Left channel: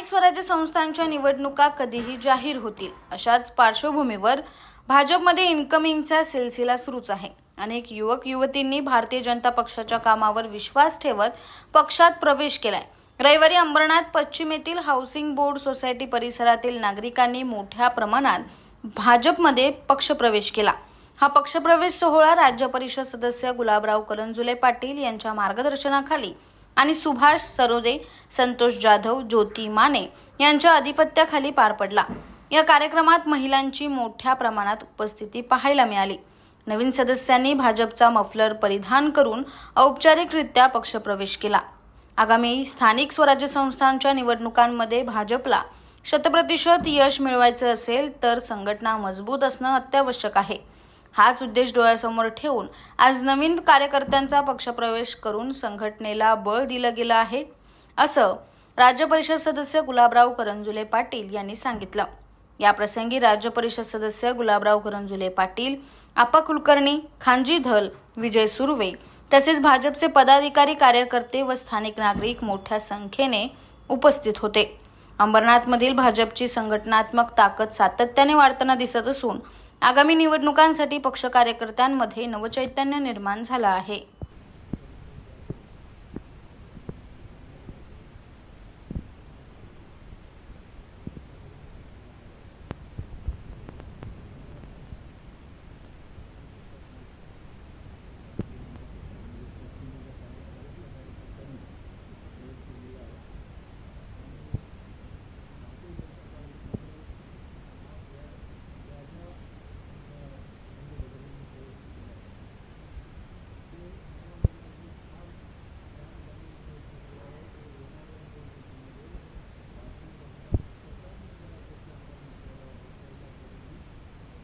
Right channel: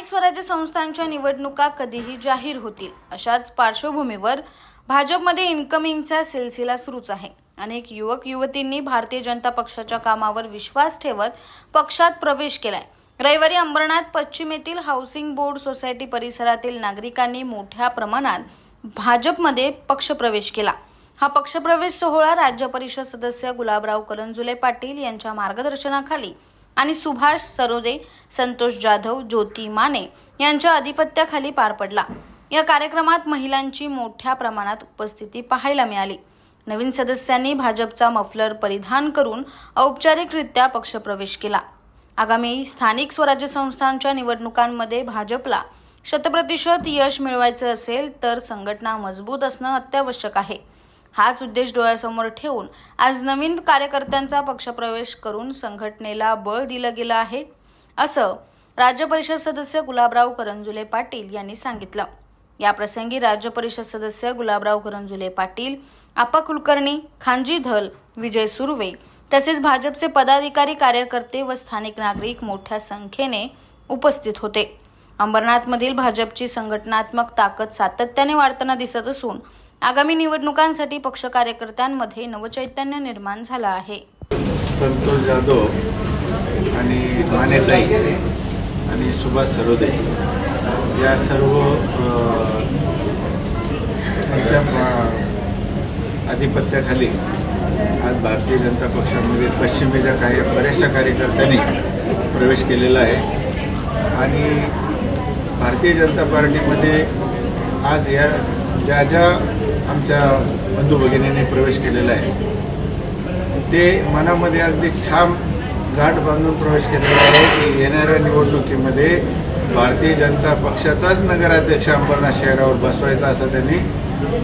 स्थानिक स्वराज्य संस्थांच्या निवडणुका कधीही जाहीर होतील. अशाच पार्श्वभूमीवर भाजपमध्ये इन्कमिंगचा सिलसिला सुरूच आहे. अनेक युवक युवतींनी भारतीय जनता पक्षाच्या कामावर विश्वास ठेवत पक्षात प्रवेश केलाय. रविवारी अंबरनाथ पश्चिमेतील हाऊसिंग बोर्ड सोसायटी परिसरातील नागरिकांनी मोठ्या प्रमाणात भाजपमध्ये पक्षप्रवेश केला. हा पक्षप्रवेश सोहळा राज्य परिषद सदस्य गुलाबराव करंजुले पाटील यांच्या मार्गदर्शनाखाली आणि सुभाष सरोदे संतोष जाधव ज्योती माने यांच्या अधिपत्याखाली पार पडला. या कार्यक्रमात महिलांची मोठ्या प्रमाणात उपस्थिती पाहायला मिळाली. नवीन सदस्यांनी भाजपचा मफलर परिधान करून औपचारिकरित्या पक्षप्रवेश केला. आगामी स्थानिक स्वराज्य संस्थांच्या निवडणुकांमध्ये भाजपला शतप्रतिशत यश मिळवायचं असेल तर संघटना मजबूत असणं अत्यावश्यक आहे. हाच उद्देश डोळ्यासमोर ठेवून आज नवीन कार्यकर्त्यांचा पक्षप्रवेश करून संघटनेला बळ दिलं गेलं आहे असं राज्य परिषद सदस्य गुलाबराव करंजुले पाटील यांनी सांगितलं. या प्रसंगी राज्य परिषद सदस्य गुलाबराव करंजुले पाटील आपा कुलकर्णी खानजी धल विजय सुर्वे तसेच भाजपचे पदाधिकारी कार्यकर्ते व स्थानिक नागरिक मोठ्या संख्येने उपस्थित होते. अंबरनाथमधील भाजपची संघटनात्मक ताकद सातत्याने वाढताना दिसत असून आगामी निवडणुकांसाठी पक्ष कार्यकर्त्यांमध्ये नवचैतन्य निर्माण झालं आहे. संतोष जाधव आणि मानेताई आणि सुभाष सरोदे या सर्व अ, यांच्या आज भारतीय जनता पक्षामध्ये पश्चिमेच्या काही बऱ्याचशा कार्यकर्त्यांनी प्रवेश केलेला आहे. आणि भारतीय जनता पार्टीमध्ये आज या ज्या ज्या आमच्या बंधू भगिनींनी प्रवेश केलेला आहे. ते मनामध्ये अगदी ठाम गाठ बांधून प्रवेश केलेला आहे की येणाऱ्या निवडणुकीमध्ये भारतीय जनता पक्षाचाच नगराध्यक्ष अंबरनाथ शहरावर बसवायचा असा त्यांनी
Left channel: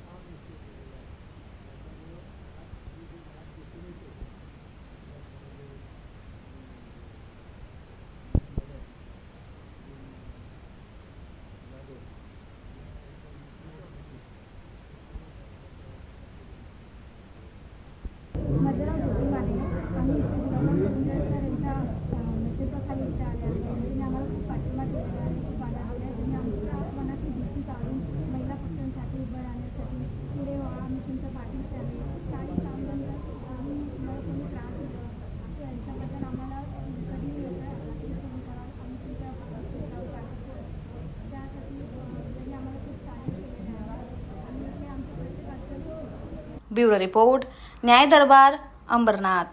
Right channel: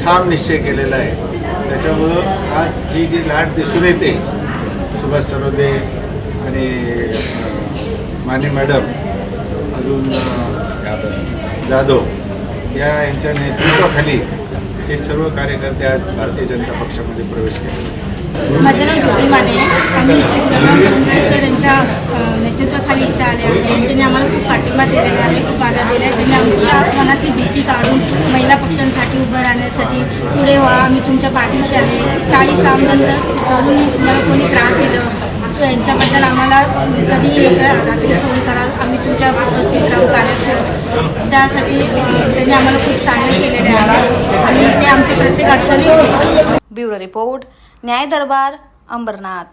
ठाम निश्चय केलेला आहे. त्याच्यामुळं आज ही जी लाट दिसून येते सुभाष सरोदे आणि माने मॅडम अजून जाधव या यांच्या नेतृत्वाखाली ते सर्व कार्यकर्ते आज भारतीय जनता पक्षामध्ये प्रवेश केले. माझं नाव ज्योती माने आम्ही सर यांच्या नेतृत्वाखाली इथे आले आहे त्यांनी आम्हाला खूप पाठिंबा दिलेला आहे खूप आधार दिला आहे. त्यांनी आमच्या मनातली भीती काढून महिला पक्षांसाठी उभं राहण्यासाठी पुढे व्हा आम्ही तुमच्या पाठीशी आहे. काही सामनंद करून तुम्हाला कोणी त्रास दिलं यांच्याबद्दल आम्हाला कधी रात्री फोन करा. आम्ही तुमच्या उपस्थित राहू कार्यक्रम त्यासाठी त्यांनी आम्हाला खूप सहाय्य केलेले आहे. आणि ते आमच्या प्रत्येक अडचणी ब्युरो रिपोर्ट न्याय दरबार अंबरनाथ.